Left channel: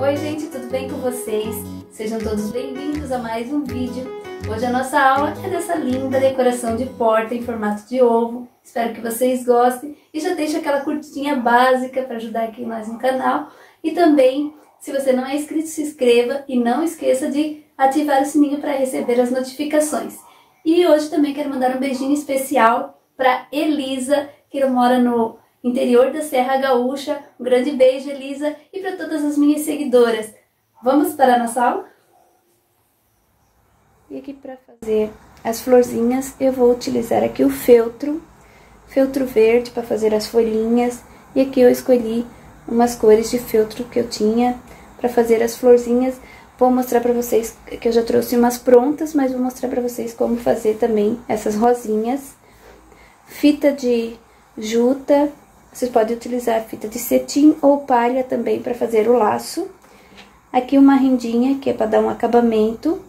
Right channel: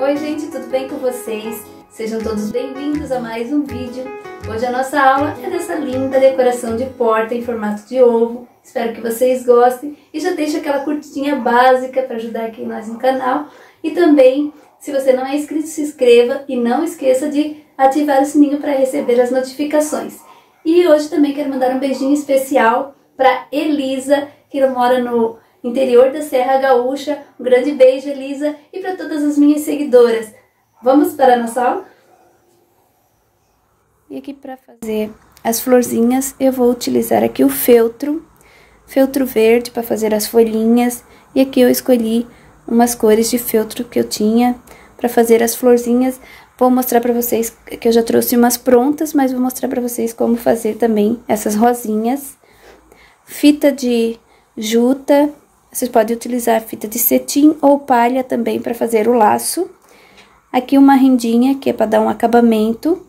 Oi gente, tudo bem com vocês? Sejam todos bem-vindos a mais um vídeo. Hoje a nossa aula é dessa linda decoração de porta em formato de ovo. Espero que vocês gostem e já deixa aquela curtidinha básica para ajudar aqui nós no canal. E também, se você não é inscrito, se inscreva e não esqueça de ativar o sininho para receber as notificações. E hoje também quero mandar um beijinho especial para Elisa, que mora no interior da Serra Gaúcha. Um grande beijo, Elisa, e para todas as minhas seguidoras. Vamos para a nossa aula? E aqui para fazer as florzinhas eu vou utilizar aqui o feltro verde para fazer as folhinhas. E aqui eu escolhi umas cores de feltro que eu tinha para fazer as florzinhas. Vou mostrar para vocês que eu já trouxe umas prontas, mas vou mostrar para vocês como fazer também essas rosinhas. Fita de juta, vocês podem utilizar fita de cetim ou palha também para fazer o laço. Aqui uma rendinha, que é para dar um acabamento.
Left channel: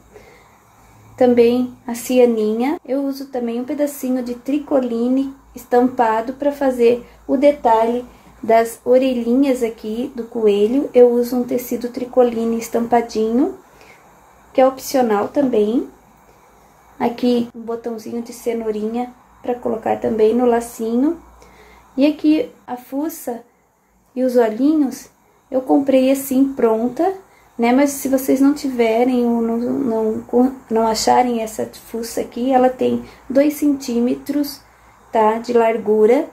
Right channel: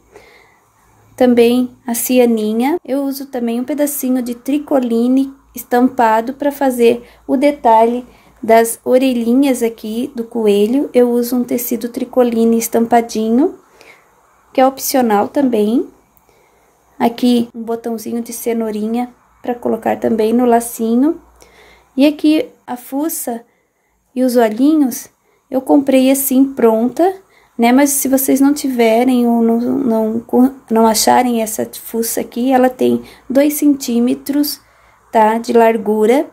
Também a cianinha. Eu uso também um pedacinho de tricoline estampado para fazer o detalhe das orelhinhas aqui do coelho. Eu uso um tecido tricoline estampadinho, que é opcional também. Aqui um botãozinho de cenourinha para colocar também no lacinho. E aqui a fuça e os olhinhos eu comprei assim pronta, né? Mas se vocês não tiverem ou não acharem essa fuça aqui, ela tem 2 centímetros, tá? De largura.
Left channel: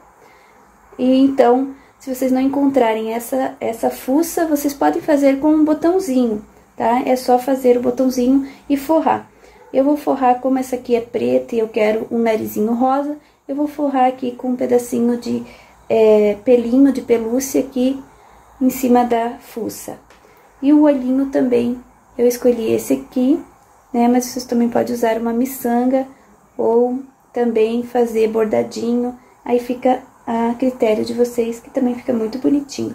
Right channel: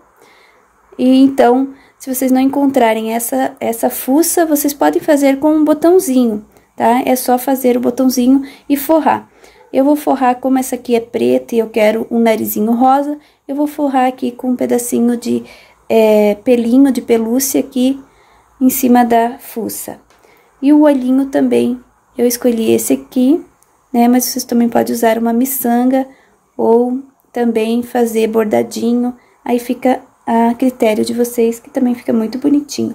E então, se vocês não encontrarem essa fuça, vocês podem fazer com um botãozinho, tá? É só fazer o botãozinho e forrar. Eu vou forrar, como essa aqui é preta e eu quero um narizinho rosa, eu vou forrar aqui com um pedacinho de pelinho de pelúcia aqui em cima da fuça. E o olhinho também, eu escolhi esse aqui, né? Mas vocês também podem usar uma miçanga ou também fazer bordadinho, aí fica a critério de vocês, que também fica muito bonitinho.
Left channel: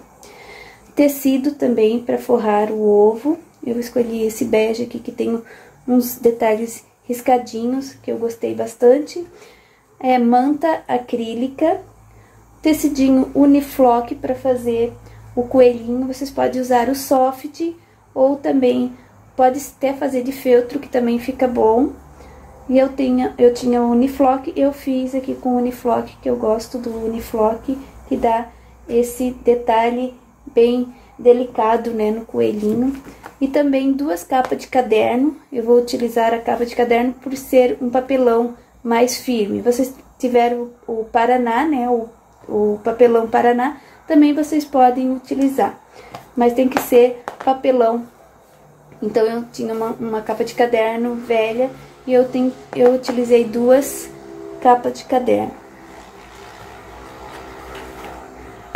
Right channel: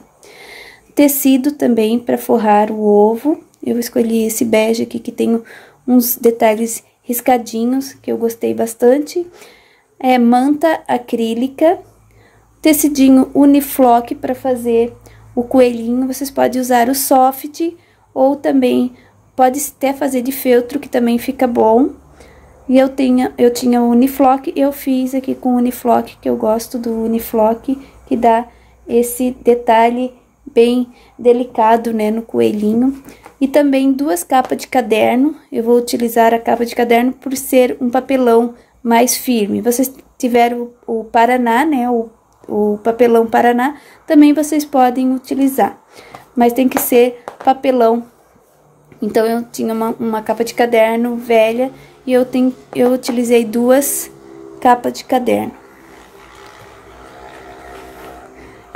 Tecido também para forrar o ovo, eu escolhi esse bege aqui que tem uns detalhes riscadinhos, que eu gostei bastante. Manta acrílica, tecidinho Uniflock para fazer o coelhinho. Vocês podem usar o soft ou também pode até fazer de feltro, que também fica bom. E eu tinha o Uniflock, eu fiz aqui com o Uniflock, que eu gosto do Uniflock, que dá esse detalhe bem delicado, né, no coelhinho. E também 2 capas de caderno. Eu vou utilizar a capa de caderno por ser um papelão mais firme. Vocês tiveram o Paraná, né, o papelão Paraná, também vocês podem utilizar. Mas tem que ser papelão. Então, eu tinha uma capa de caderno velha e eu utilizei 2 capas de caderno.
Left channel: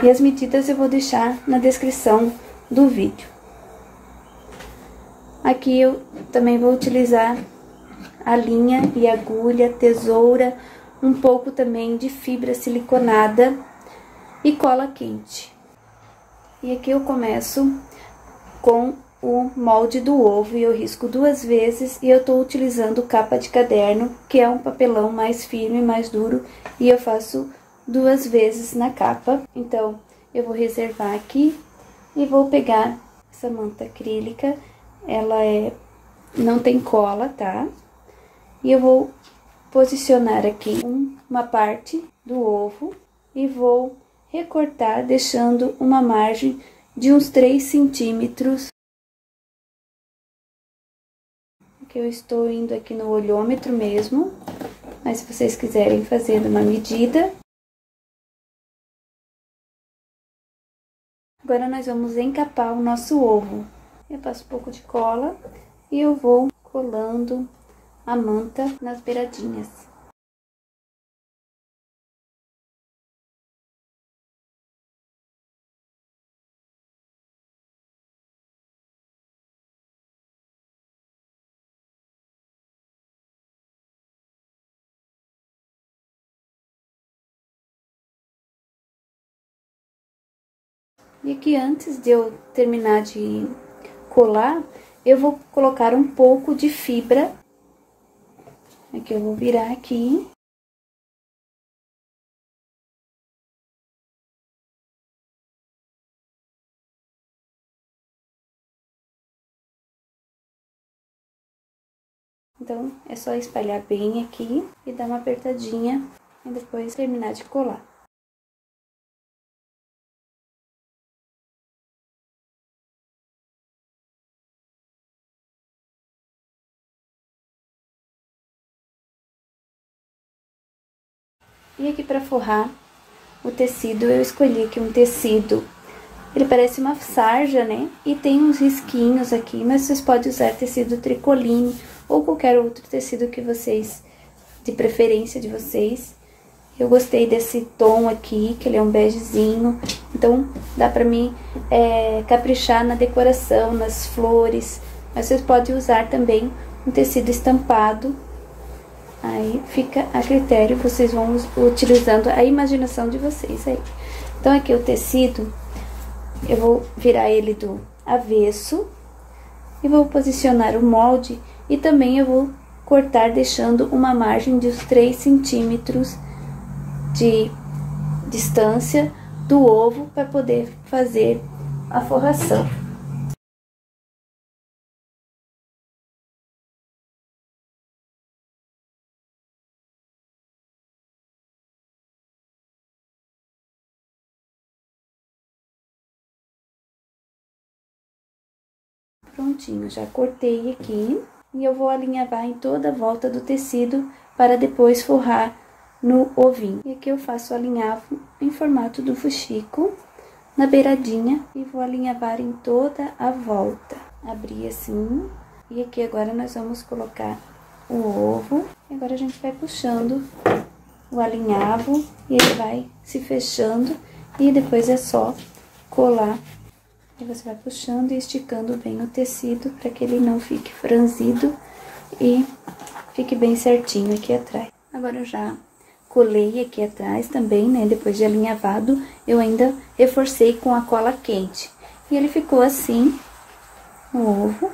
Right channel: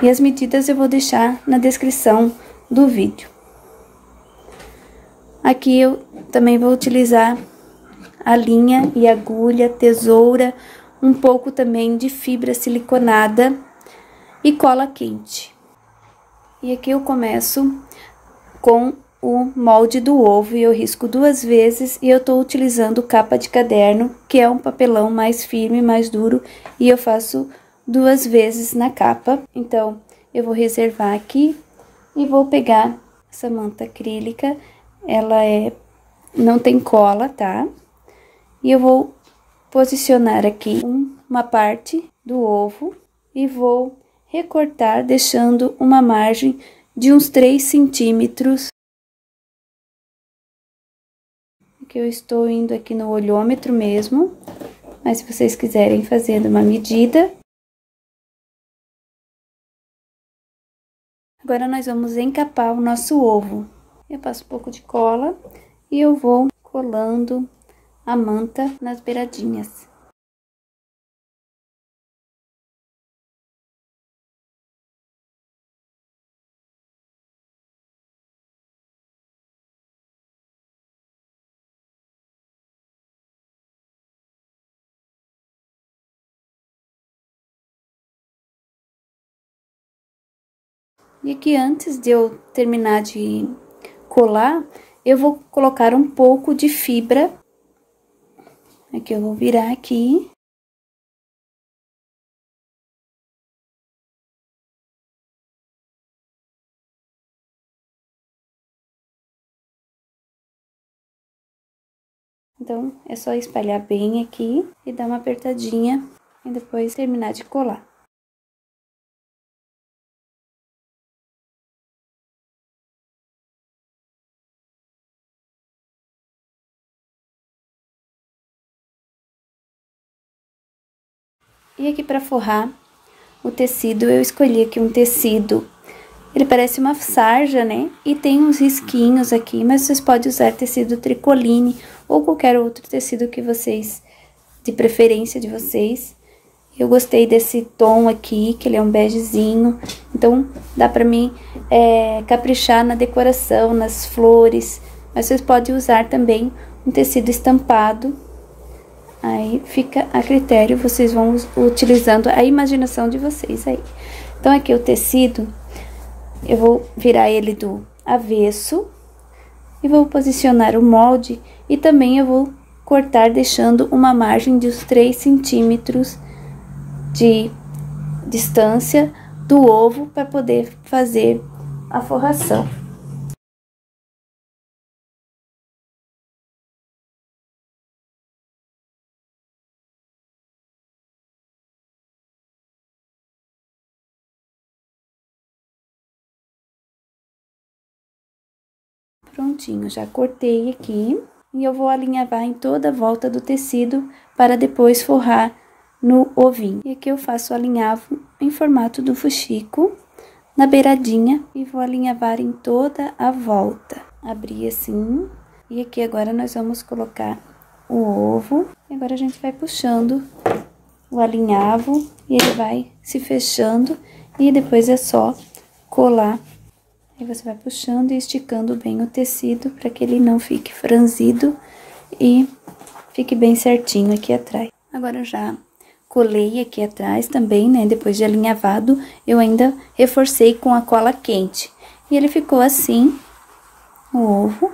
E as medidas eu vou deixar na descrição do vídeo. Aqui eu também vou utilizar a linha e agulha, tesoura, um pouco também de fibra siliconada e cola quente. E aqui eu começo com o molde do ovo e eu risco 2 vezes e eu tô utilizando capa de caderno, que é um papelão mais firme, mais duro, e eu faço 2 vezes na capa. Então, eu vou reservar aqui e vou pegar essa manta acrílica, ela não tem cola, tá? E eu vou posicionar aqui uma parte do ovo e vou recortar, deixando uma margem de uns 3 centímetros. Aqui eu estou indo aqui no olhômetro mesmo, mas se vocês quiserem fazer uma medida. Agora, nós vamos encapar o nosso ovo. Eu passo um pouco de cola e eu vou colando a manta nas beiradinhas. E aqui, antes de eu terminar de colar, eu vou colocar um pouco de fibra. Aqui eu vou virar aqui. Então, é só espalhar bem aqui e dar uma apertadinha e depois terminar de colar. E aqui para forrar o tecido, eu escolhi aqui um tecido, ele parece uma sarja, né? E tem uns risquinhos aqui, mas vocês podem usar tecido tricoline ou qualquer outro tecido que vocês, de preferência de vocês. Eu gostei desse tom aqui, que ele é um begezinho, então dá pra mim caprichar na decoração, nas flores. Mas vocês podem usar também um tecido estampado, aí fica a critério, vocês vão utilizando a imaginação de vocês aí. Então aqui o tecido, eu vou virar ele do avesso e vou posicionar o molde e também eu vou cortar deixando uma margem de uns 3 centímetros de distância do ovo para poder fazer a forração. Prontinho, já cortei aqui e eu vou alinhavar em toda a volta do tecido para depois forrar no ovinho. E aqui eu faço o alinhavo em formato do fuxico na beiradinha e vou alinhavar em toda a volta. Abrir assim e aqui agora nós vamos colocar o ovo e agora a gente vai puxando o alinhavo e ele vai se fechando e depois é só colar. E você vai puxando e esticando bem o tecido para que ele não fique franzido e fique bem certinho aqui atrás. Agora eu já colei aqui atrás também, né? Depois de alinhavado, eu ainda reforcei com a cola quente. E ele ficou assim, o ovo.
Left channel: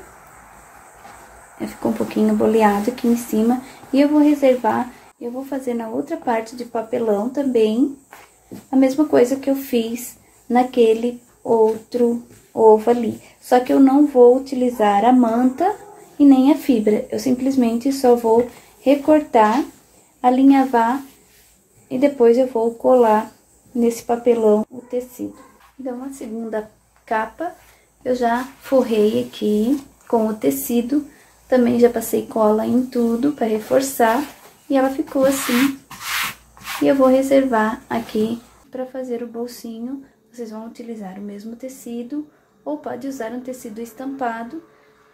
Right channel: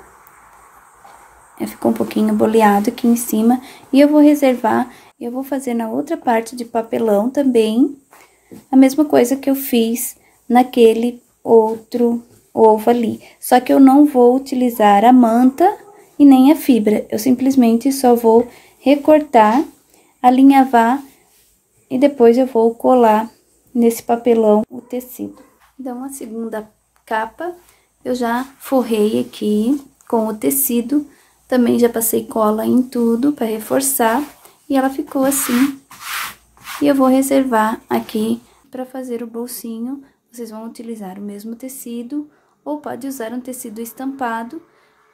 Ficou um pouquinho boleado aqui em cima. E eu vou reservar, eu vou fazer na outra parte de papelão também, a mesma coisa que eu fiz naquele outro ovo ali. Só que eu não vou utilizar a manta e nem a fibra. Eu simplesmente só vou recortar, alinhavar e depois eu vou colar nesse papelão o tecido. Então, a segunda capa eu já forrei aqui com o tecido. Também já passei cola em tudo para reforçar e ela ficou assim. E eu vou reservar aqui para fazer o bolsinho. Vocês vão utilizar o mesmo tecido ou pode usar um tecido estampado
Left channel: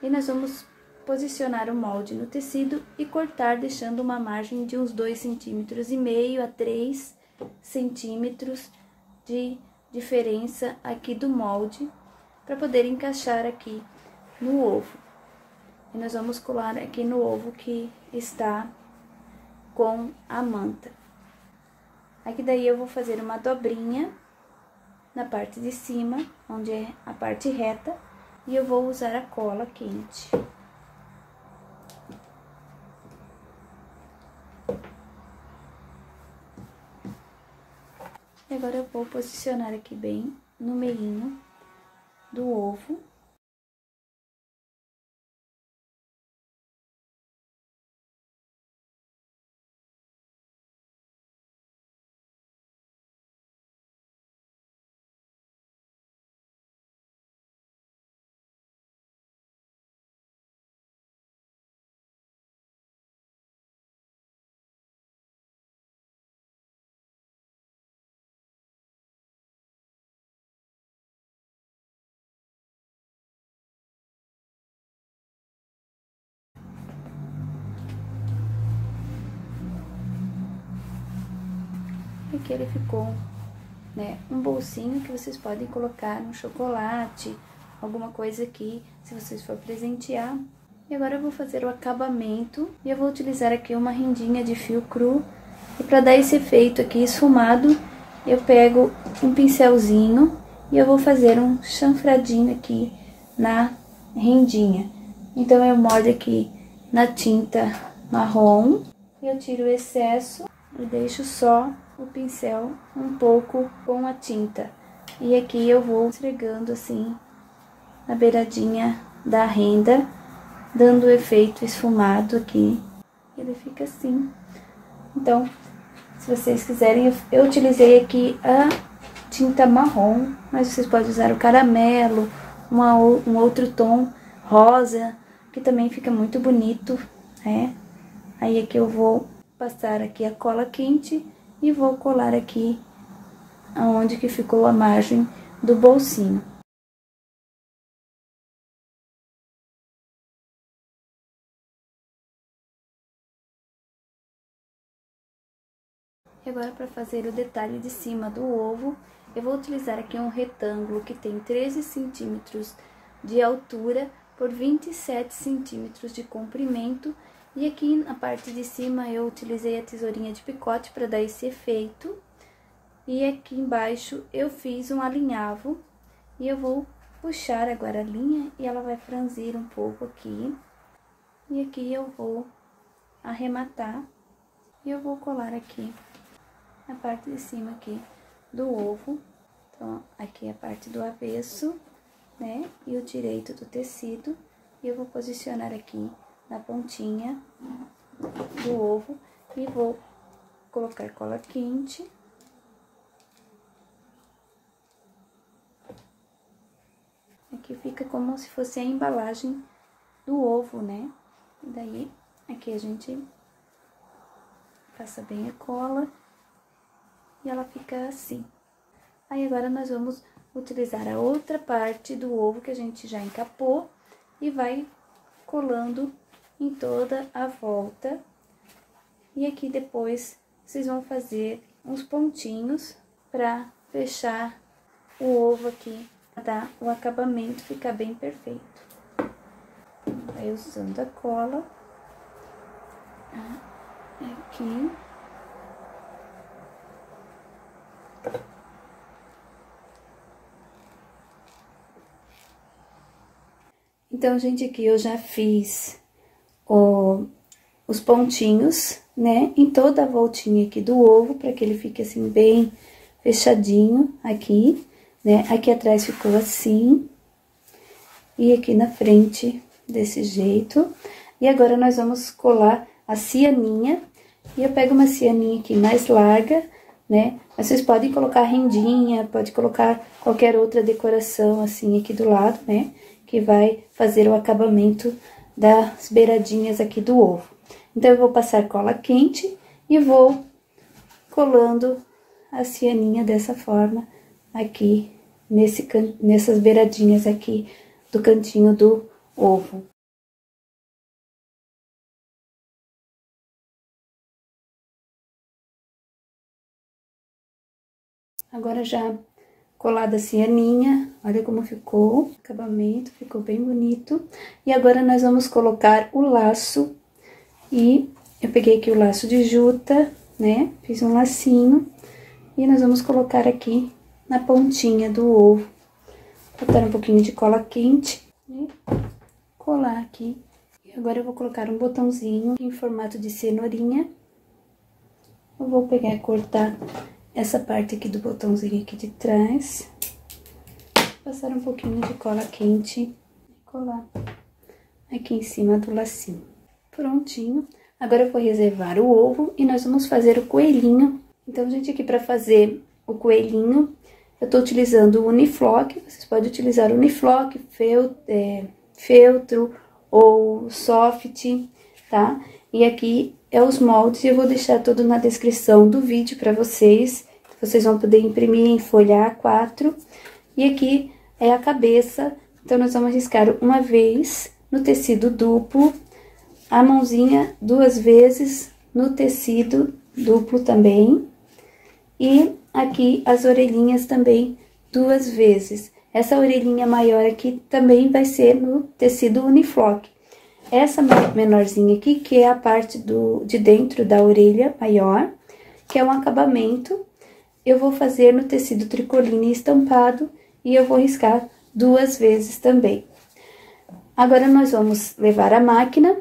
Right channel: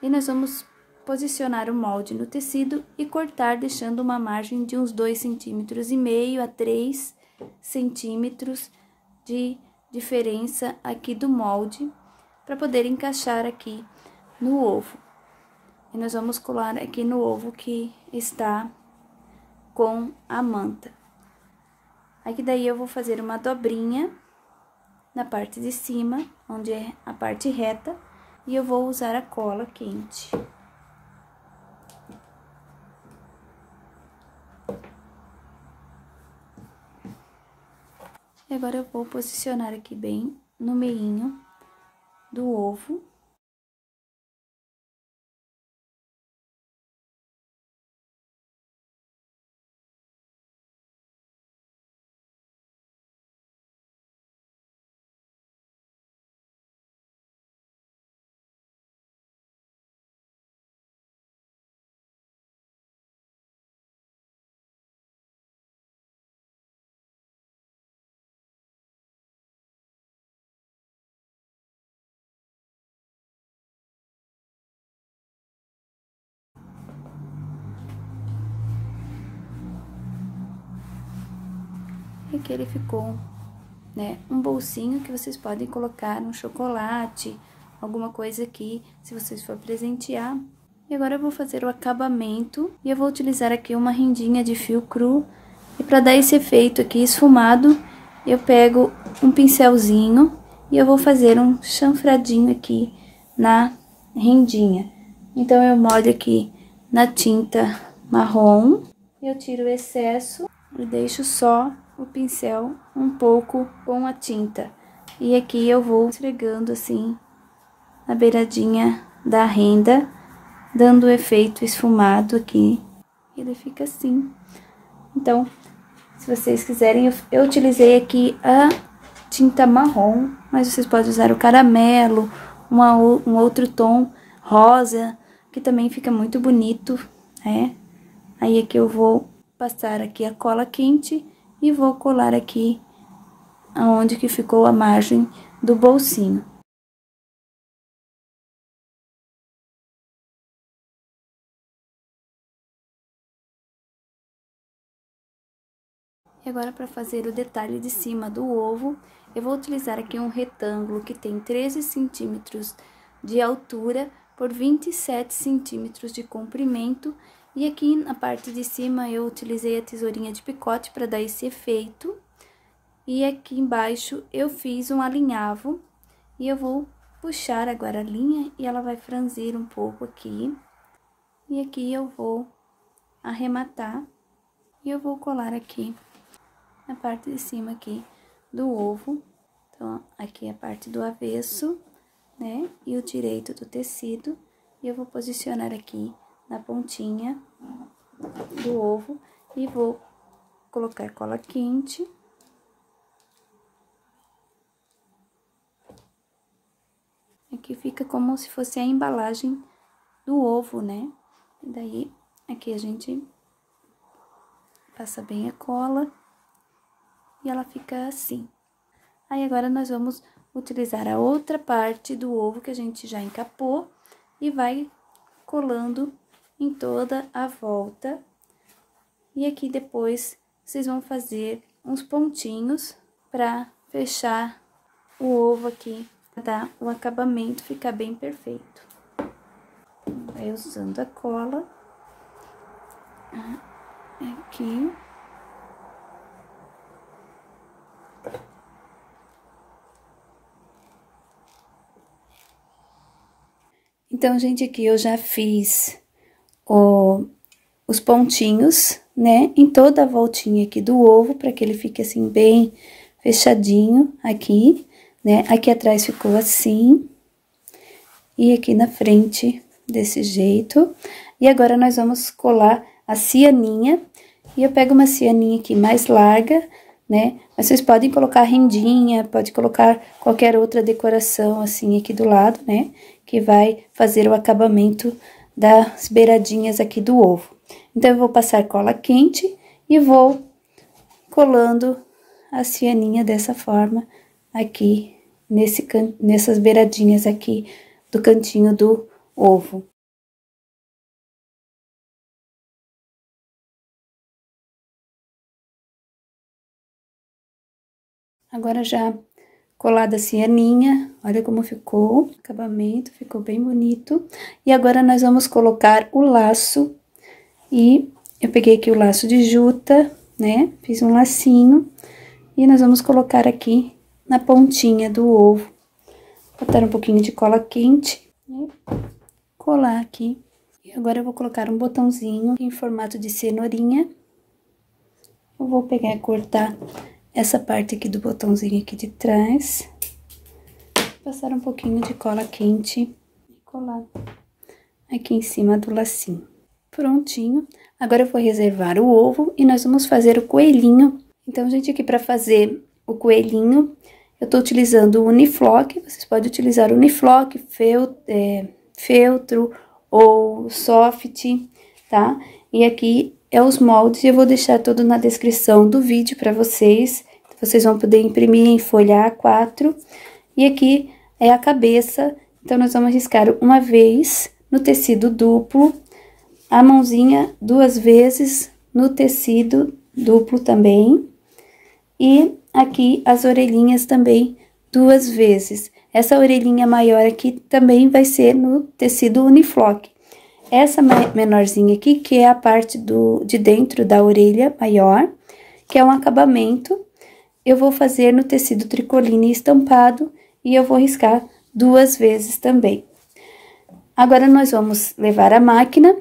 e nós vamos posicionar o molde no tecido e cortar deixando uma margem de uns 2,5 cm a 3 centímetros de diferença aqui do molde para poder encaixar aqui no ovo. E nós vamos colar aqui no ovo que está com a manta. Aqui daí eu vou fazer uma dobrinha na parte de cima, onde é a parte reta, e eu vou usar a cola quente. E agora eu vou posicionar aqui bem no meinho do ovo. E aqui ele ficou, né, um bolsinho que vocês podem colocar um chocolate, alguma coisa aqui, se vocês for presentear. E agora eu vou fazer o acabamento e eu vou utilizar aqui uma rendinha de fio cru. E para dar esse efeito aqui esfumado, eu pego um pincelzinho e eu vou fazer um chanfradinho aqui na rendinha. Então, eu molho aqui na tinta marrom, eu tiro o excesso e deixo só o pincel um pouco com a tinta. E aqui eu vou esfregando assim na beiradinha da renda dando o efeito esfumado aqui. Ele fica assim. Então, se vocês quiserem, eu utilizei aqui a tinta marrom, mas vocês podem usar o caramelo, um outro tom rosa, que também fica muito bonito, né? Aí aqui eu vou passar aqui a cola quente e vou colar aqui aonde que ficou a margem do bolsinho. E agora, para fazer o detalhe de cima do ovo, eu vou utilizar aqui um retângulo que tem 13 centímetros de altura por 27 centímetros de comprimento. E aqui na parte de cima eu utilizei a tesourinha de picote para dar esse efeito. E aqui embaixo eu fiz um alinhavo e eu vou puxar agora a linha e ela vai franzir um pouco aqui. E aqui eu vou arrematar e eu vou colar aqui na parte de cima aqui do ovo. Então, aqui é a parte do avesso, né? E o direito do tecido. E eu vou posicionar aqui na pontinha do ovo e vou colocar cola quente. Aqui fica como se fosse a embalagem do ovo, né? E daí, aqui a gente passa bem a cola. E ela fica assim. Aí, agora, nós vamos utilizar a outra parte do ovo que a gente já encapou e vai colando em toda a volta. E aqui, depois, vocês vão fazer uns pontinhos pra fechar o ovo aqui, pra dar o acabamento ficar bem perfeito. Vai usando a cola aqui. Então, gente, aqui eu já fiz os pontinhos, né, em toda a voltinha aqui do ovo, para que ele fique assim, bem fechadinho aqui, né. Aqui atrás ficou assim, e aqui na frente desse jeito. E agora, nós vamos colar a cianinha, e eu pego uma cianinha aqui mais larga, né, mas vocês podem colocar rendinha, pode colocar qualquer outra decoração assim aqui do lado, né, que vai fazer o acabamento das beiradinhas aqui do ovo. Então, eu vou passar cola quente e vou colando a cianinha dessa forma aqui, nessas beiradinhas aqui do cantinho do ovo. Agora, já colada a cianinha, olha como ficou o acabamento, ficou bem bonito. E agora, nós vamos colocar o laço, e eu peguei aqui o laço de juta, né, fiz um lacinho, e nós vamos colocar aqui na pontinha do ovo, botar um pouquinho de cola quente, né, colar aqui. E agora, eu vou colocar um botãozinho em formato de cenourinha. Eu vou pegar e cortar essa parte aqui do botãozinho aqui de trás, passar um pouquinho de cola quente e colar aqui em cima do lacinho. Prontinho. Agora, eu vou reservar o ovo e nós vamos fazer o coelhinho. Então, gente, aqui para fazer o coelhinho, eu tô utilizando o Uniflock. Vocês podem utilizar o Uniflock, feltro ou soft, tá? E aqui é os moldes, eu vou deixar tudo na descrição do vídeo para vocês. Vocês vão poder imprimir em folha A4. E aqui é a cabeça, então, nós vamos riscar uma vez no tecido duplo, a mãozinha 2 vezes no tecido duplo também. E aqui as orelhinhas também 2 vezes. Essa orelhinha maior aqui também vai ser no tecido Uniflock. Essa menorzinha aqui, que é a parte de dentro da orelha maior, que é um acabamento, eu vou fazer no tecido tricoline estampado e eu vou riscar 2 vezes também. Agora, nós vamos levar a máquina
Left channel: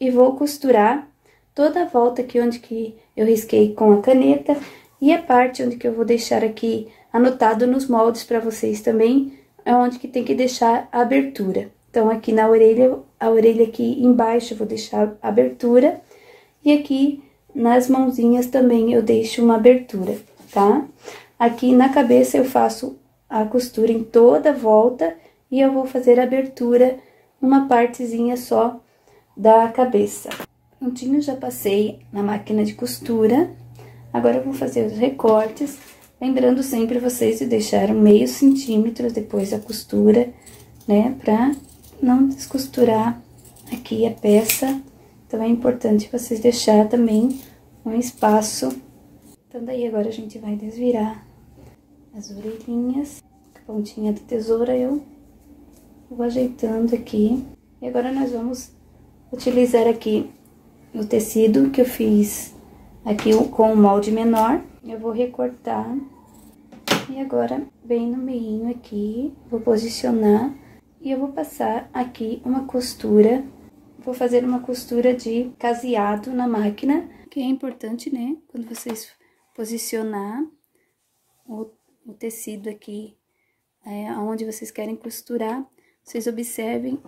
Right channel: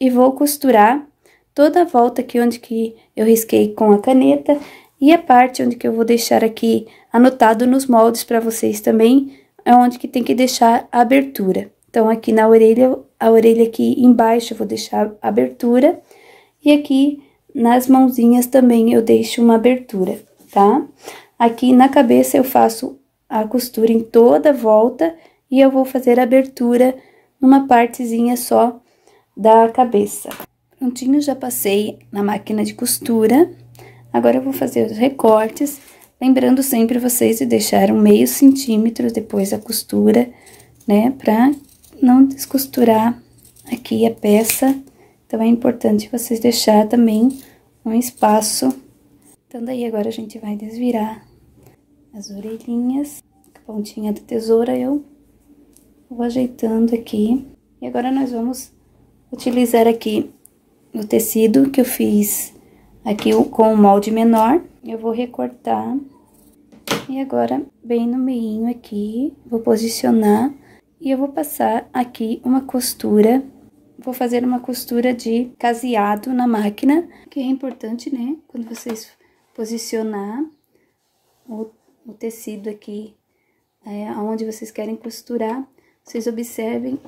e vou costurar toda a volta aqui onde que eu risquei com a caneta e a parte onde que eu vou deixar aqui anotado nos moldes para vocês também, é onde que tem que deixar a abertura, Então, aqui na orelha, a orelha aqui embaixo eu vou deixar a abertura. E aqui nas mãozinhas também eu deixo uma abertura, tá? Aqui na cabeça eu faço a costura em toda a volta e eu vou fazer a abertura numa partezinha só da cabeça. Prontinho, já passei na máquina de costura. Agora eu vou fazer os recortes, lembrando sempre vocês de deixar um meio centímetro depois da costura, né? Pra não descosturar aqui a peça. Então, é importante vocês deixar também um espaço. Então, daí agora a gente vai desvirar as orelhinhas. Com a pontinha da tesoura eu vou ajeitando aqui. E agora nós vamos utilizar aqui o tecido que eu fiz aqui com o molde menor. Eu vou recortar. E agora, bem no meinho aqui, vou posicionar. E eu vou passar aqui uma costura. Vou fazer uma costura de caseado na máquina, que é importante, né? Quando vocês posicionar o tecido aqui, aonde vocês querem costurar, vocês observem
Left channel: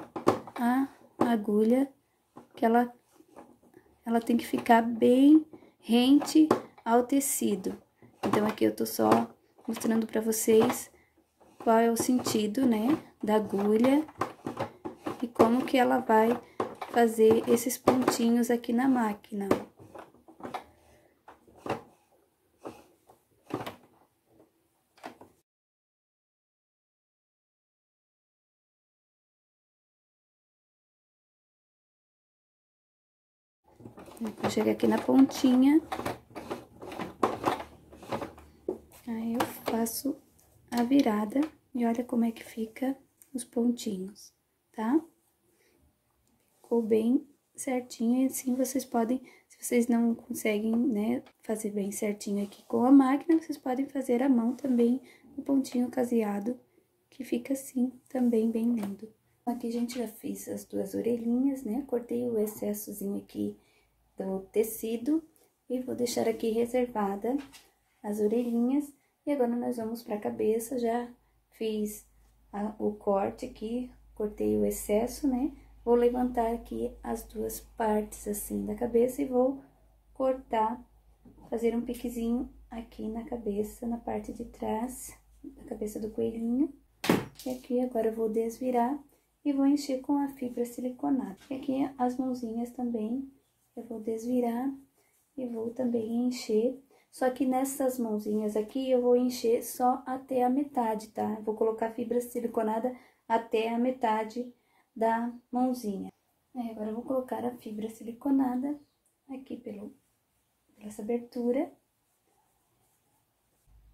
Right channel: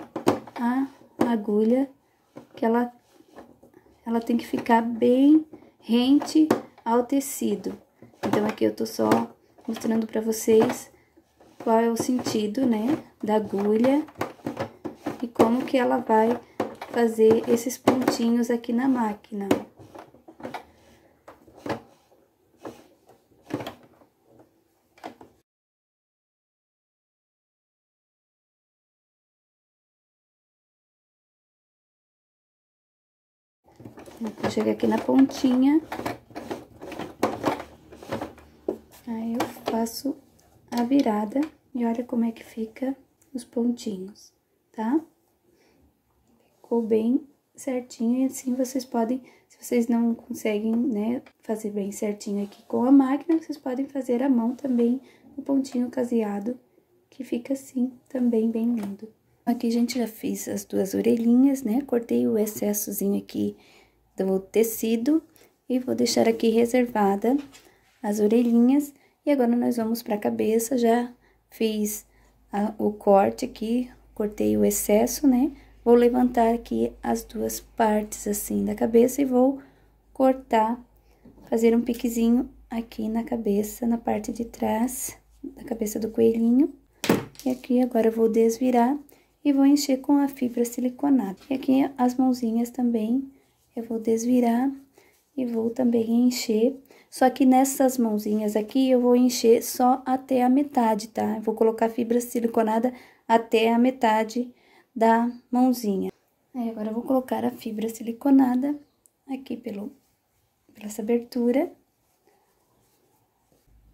a agulha, que ela tem que ficar bem rente ao tecido. Então, aqui eu tô só mostrando pra vocês qual é o sentido, né, da agulha e como que ela vai fazer esses pontinhos aqui na máquina. Vou chegar aqui na pontinha. Aí eu faço a virada e olha como é que fica os pontinhos, tá? Ficou bem certinho e assim vocês podem, se vocês não conseguem, né, fazer bem certinho aqui com a máquina, vocês podem fazer à mão também o pontinho caseado, que fica assim também bem lindo. Aqui, gente, já fiz as duas orelhinhas, né? Cortei o excessozinho aqui do tecido e vou deixar aqui reservada as orelhinhas. E agora nós vamos para a cabeça, já fiz o corte aqui, cortei o excesso, né? Vou levantar aqui as duas partes assim da cabeça e vou cortar, fazer um piquezinho aqui na cabeça, na parte de trás da cabeça do coelhinho. E aqui agora eu vou desvirar e vou encher com a fibra siliconada. E aqui as mãozinhas também eu vou desvirar e vou também encher. Só que nessas mãozinhas aqui eu vou encher só até a metade, tá? Eu vou colocar fibra siliconada até a metade da mãozinha. Aí, agora eu vou colocar a fibra siliconada aqui pela essa abertura.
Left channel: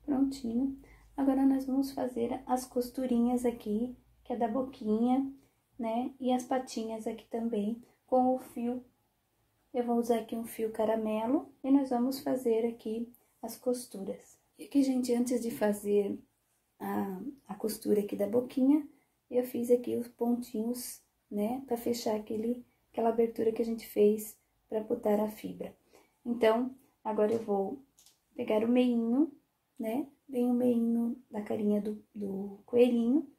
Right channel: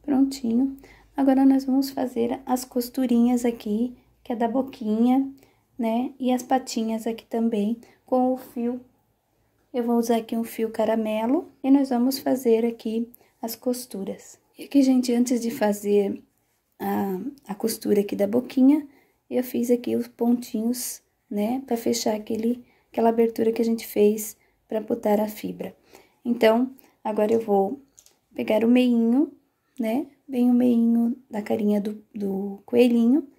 Prontinho. Agora, nós vamos fazer as costurinhas aqui, que é da boquinha, né? E as patinhas aqui também, com o fio. Eu vou usar aqui um fio caramelo e nós vamos fazer aqui as costuras. E aqui, gente, antes de fazer a costura aqui da boquinha, eu fiz aqui os pontinhos, né? Pra fechar aquela abertura que a gente fez pra botar a fibra. Então, agora eu vou pegar o meinho, né? Bem o meinho da carinha do coelhinho.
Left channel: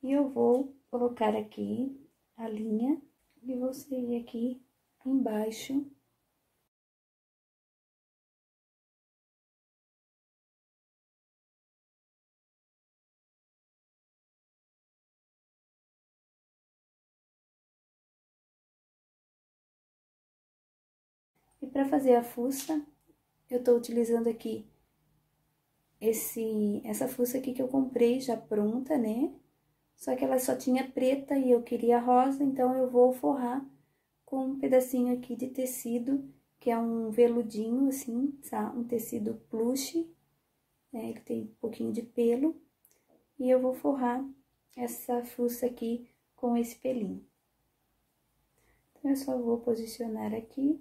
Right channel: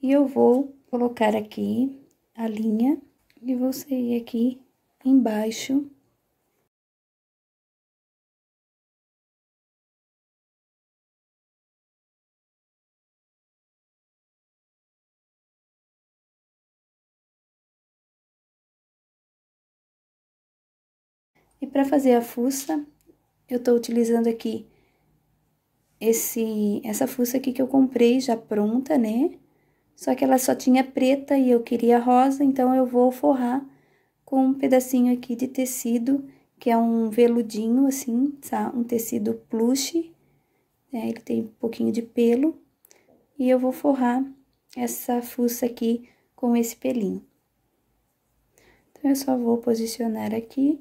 E eu vou colocar aqui a linha e vou sair aqui embaixo. E para fazer a fuça, eu tô utilizando aqui essa fuça aqui que eu comprei já pronta, né? Só que ela só tinha preta e eu queria rosa, então eu vou forrar com um pedacinho aqui de tecido, que é um veludinho, assim, tá? Um tecido plush, né? Ele tem um pouquinho de pelo. E eu vou forrar essa fuça aqui com esse pelinho. Então, eu só vou posicionar aqui.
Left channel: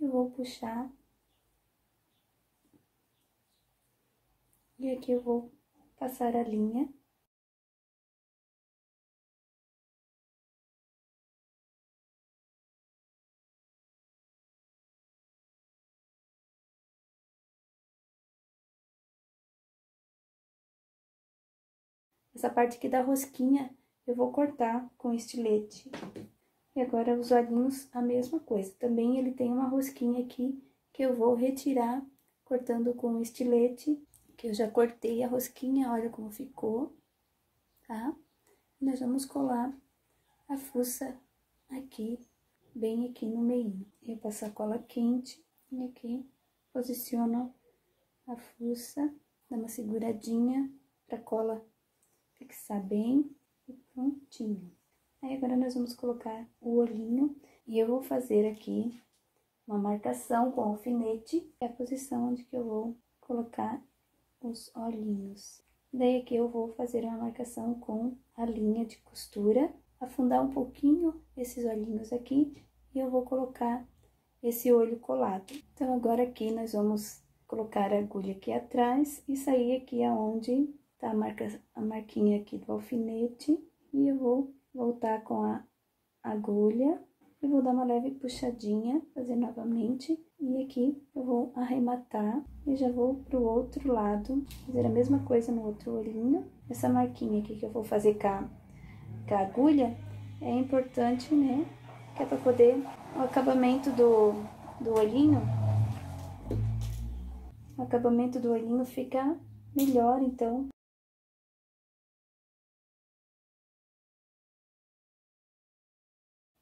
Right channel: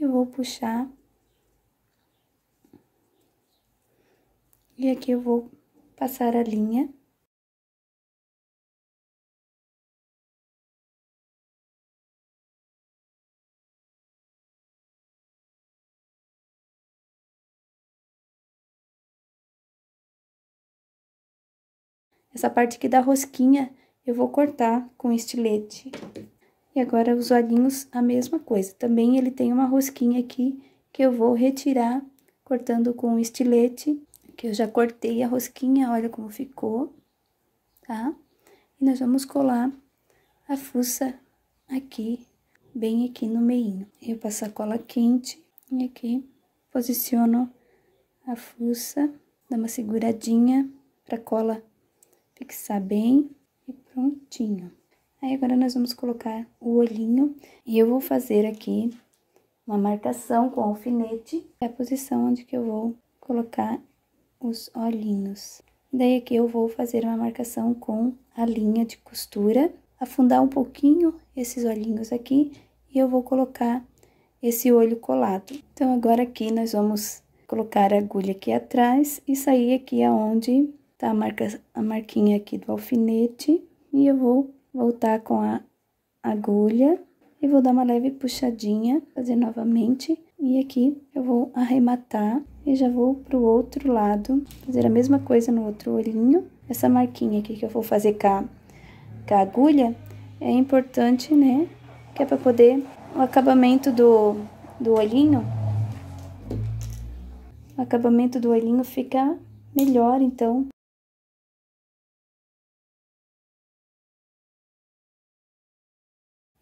E vou puxar. E aqui eu vou passar a linha. essa parte aqui da rosquinha eu vou cortar com estilete. E agora os olhinhos, a mesma coisa. Também ele tem uma rosquinha aqui que eu vou retirar cortando com estilete, que eu já cortei a rosquinha, olha como ficou, tá? E nós vamos colar a fuça aqui, bem aqui no meinho. Eu passo a cola quente e aqui posiciono a fuça, dá uma seguradinha pra cola fixar bem e prontinho. Aí agora nós vamos colocar o olhinho e eu vou fazer aqui uma marcação com alfinete, é a posição onde que eu vou colocar os olhinhos. Daí aqui eu vou fazer uma marcação com a linha de costura, afundar um pouquinho esses olhinhos aqui e eu vou colocar esse olho colado. Então agora aqui nós vamos colocar a agulha aqui atrás e sair aqui aonde tá a marquinha aqui do alfinete e eu vou voltar com a agulha e vou dar uma leve puxadinha, fazer novamente. E aqui eu vou arrematar e já vou pro outro lado, fazer a mesma coisa no outro olhinho. Essa marquinha aqui que eu vou fazer com a agulha é importante, né? Que é pra poder o acabamento do olhinho. O acabamento do olhinho fica melhor, então.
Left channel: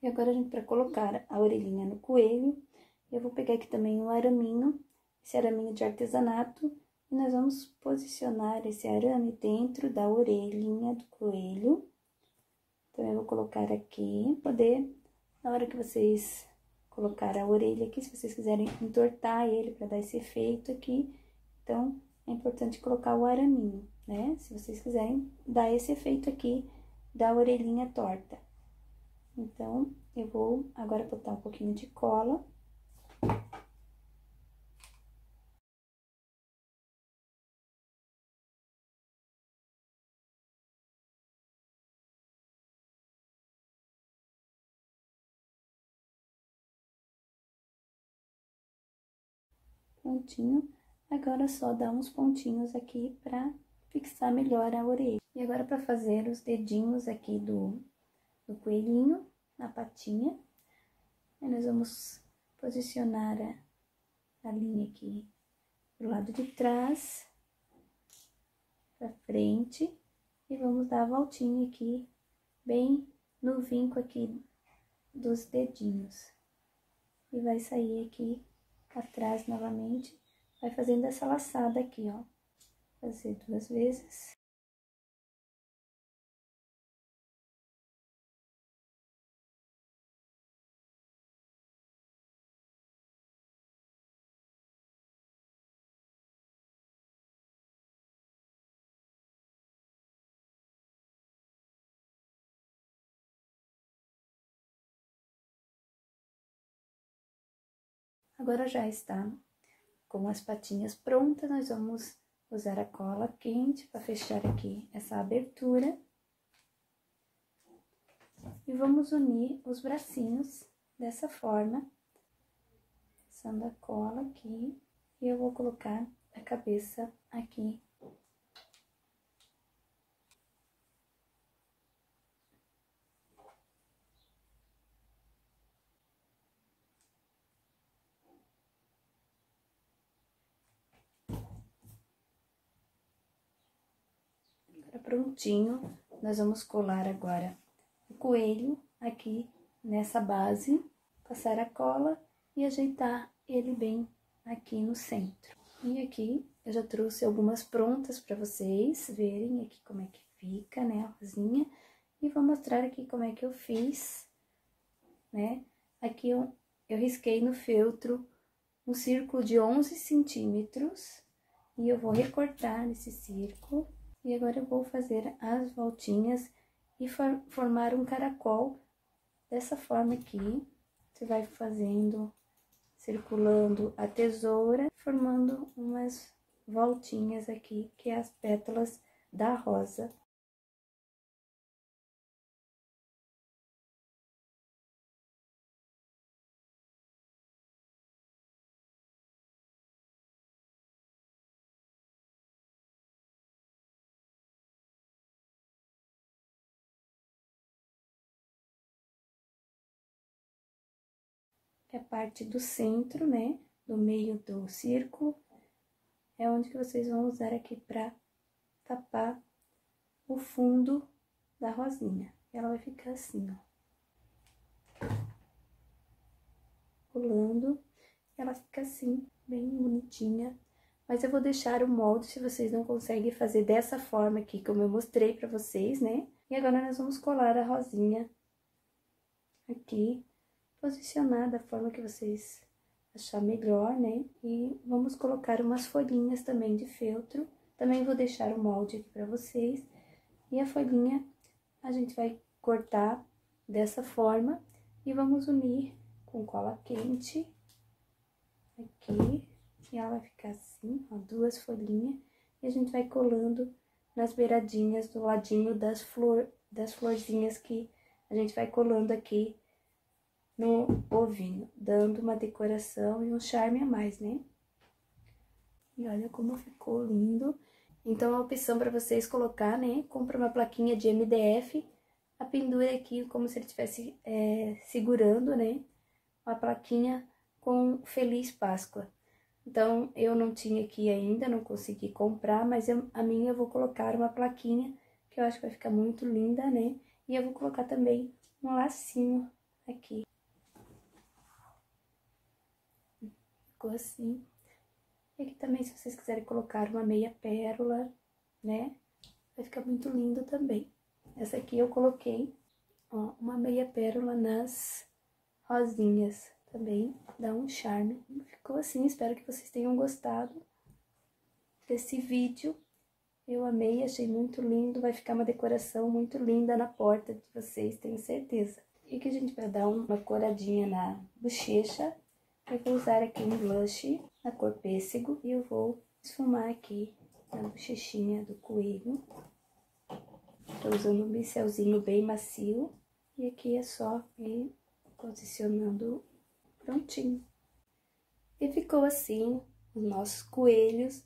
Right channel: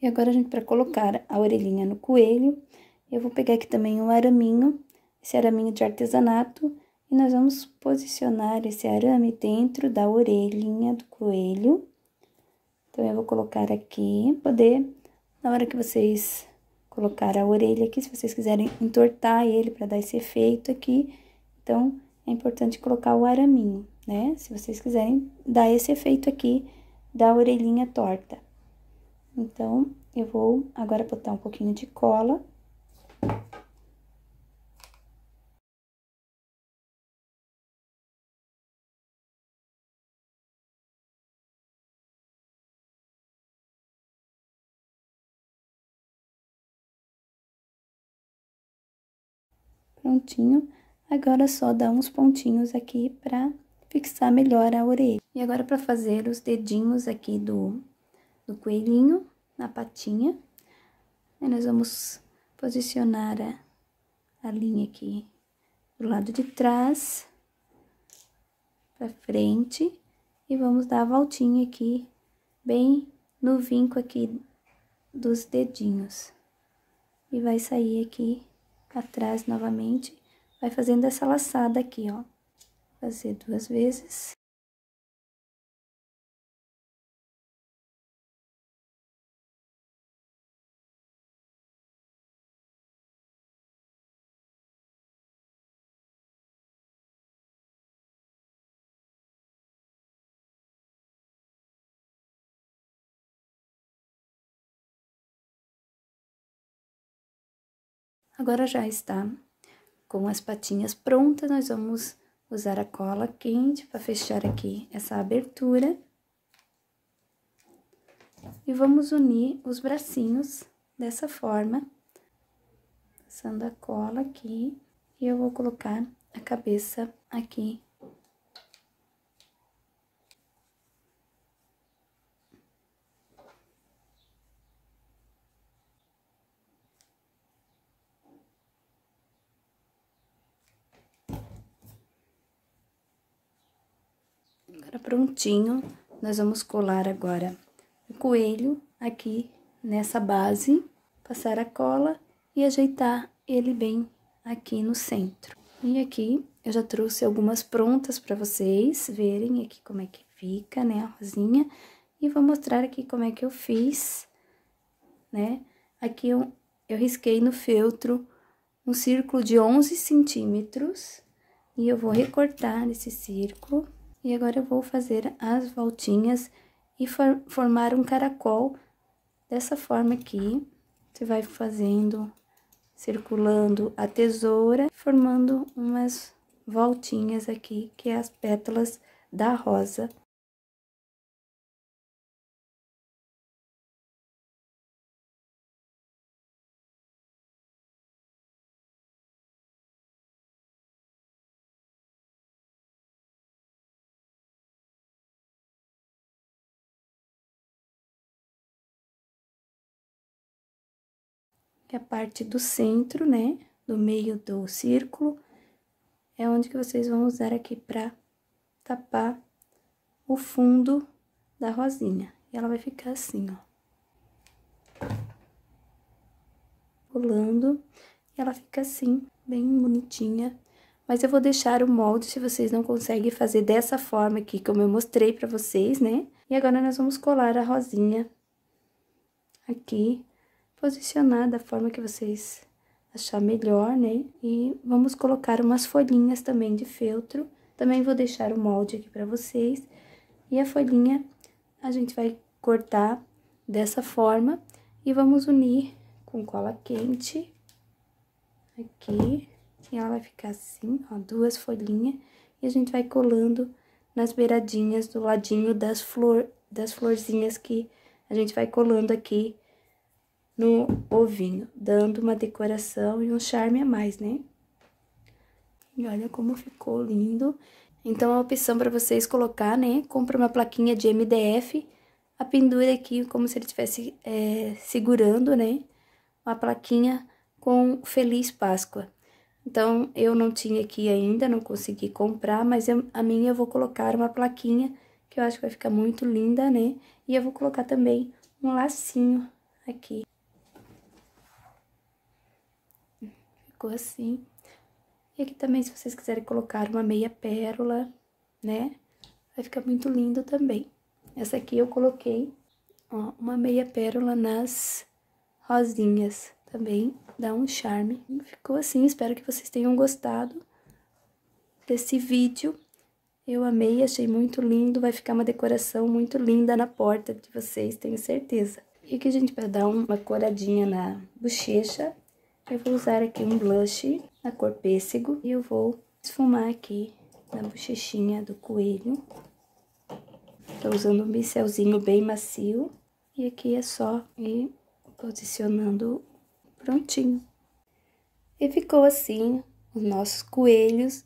E agora, gente, para colocar a orelhinha no coelho, eu vou pegar aqui também um araminho, esse araminho de artesanato, e nós vamos posicionar esse arame dentro da orelhinha do coelho. Então, eu vou colocar aqui, poder, na hora que vocês colocar a orelha aqui, se vocês quiserem entortar ele para dar esse efeito aqui, então, é importante colocar o araminho, né? Se vocês quiserem dar esse efeito aqui da orelhinha torta. Então, eu vou agora botar um pouquinho de cola. Prontinho. Agora é só dar uns pontinhos aqui pra fixar melhor a orelha. E agora pra fazer os dedinhos aqui do coelhinho na patinha. Aí nós vamos posicionar a linha aqui do lado de trás pra frente e vamos dar a voltinha aqui bem no vinco aqui dos dedinhos. E vai sair aqui atrás novamente, vai fazendo essa laçada aqui, ó. Fazer 2 vezes. Agora já está com as patinhas prontas, nós vamos usar a cola quente para fechar aqui essa abertura. E vamos unir os bracinhos dessa forma, passando a cola aqui. E eu vou colocar a cabeça aqui. Agora prontinho, nós vamos colar agora o coelho aqui nessa base, passar a cola e ajeitar ele bem aqui no centro. E aqui eu já trouxe algumas prontas para vocês verem aqui como é que fica, né, a rosinha. E vou mostrar aqui como é que eu fiz, né. Aqui eu risquei no feltro um círculo de 11 centímetros e eu vou recortar esse círculo. E agora eu vou fazer as voltinhas e formar um caracol dessa forma aqui. Você vai fazendo, circulando a tesoura, formando umas voltinhas aqui, que é as pétalas da rosa. que é a parte do centro, né? Do meio do círculo. É onde que vocês vão usar aqui pra tapar o fundo da rosinha. E ela vai ficar assim, ó. Rolando. E ela fica assim, bem bonitinha. Mas eu vou deixar o molde, se vocês não conseguem fazer dessa forma aqui, como eu mostrei pra vocês, né? E agora, nós vamos colar a rosinha aqui, posicionar da forma que vocês achar melhor, né? E vamos colocar umas folhinhas também de feltro. Também vou deixar o molde aqui pra vocês. E a folhinha, a gente vai cortar dessa forma e vamos unir com cola quente aqui. E ela vai ficar assim, ó, duas folhinhas. E a gente vai colando nas beiradinhas do ladinho das florzinhas que a gente vai colando aqui no ovinho, dando uma decoração e um charme a mais, né? E olha como ficou lindo. Então, a opção para vocês colocar, né? Compra uma plaquinha de MDF, a pendura aqui como se ele estivesse segurando, né? Uma plaquinha com Feliz Páscoa. Então, eu não tinha aqui ainda, não consegui comprar, mas a minha eu vou colocar uma plaquinha, que eu acho que vai ficar muito linda, né? E eu vou colocar também um lacinho aqui. Ficou assim. E aqui também, se vocês quiserem colocar uma meia pérola, né? Vai ficar muito lindo também. Essa aqui eu coloquei, ó, uma meia pérola nas rosinhas. Também dá um charme. Ficou assim, espero que vocês tenham gostado desse vídeo. Eu amei, achei muito lindo, vai ficar uma decoração muito linda na porta de vocês, tenho certeza. E aqui a gente vai dar uma coradinha na bochecha. Eu vou usar aqui um blush na cor pêssego e eu vou esfumar aqui na bochechinha do coelho. Tô usando um pincelzinho bem macio e aqui é só ir posicionando prontinho. E ficou assim os nossos coelhos,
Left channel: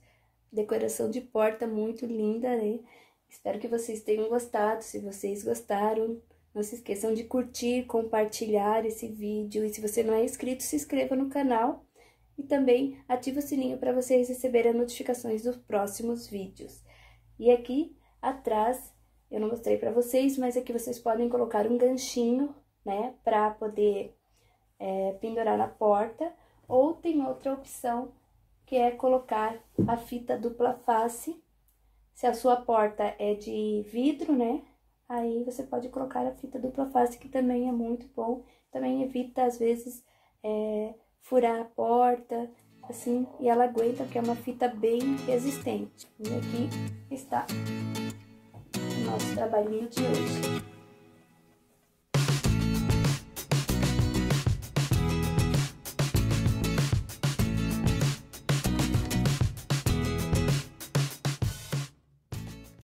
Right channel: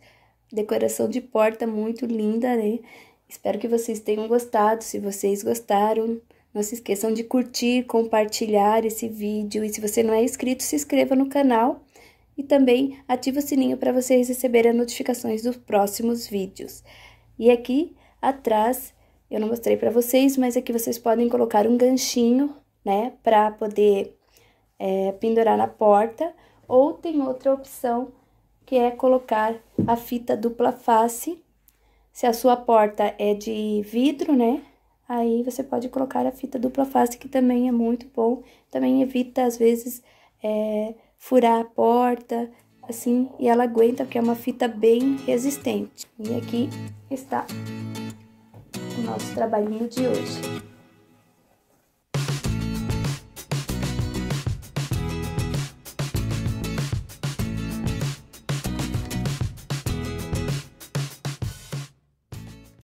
decoração de porta muito linda, né? Espero que vocês tenham gostado. Se vocês gostaram, não se esqueçam de curtir, compartilhar esse vídeo. E se você não é inscrito, se inscreva no canal. E também ative o sininho para vocês receberem as notificações dos próximos vídeos. E aqui atrás, eu não mostrei para vocês, mas aqui vocês podem colocar um ganchinho, né? Para poder pendurar na porta. Ou tem outra opção, que é colocar a fita dupla face. Se a sua porta é de vidro, né? Aí você pode colocar a fita dupla face, que também é muito bom. Também evita, às vezes, furar a porta, assim, e ela aguenta, porque é uma fita bem resistente. E aqui está o nosso trabalhinho de hoje.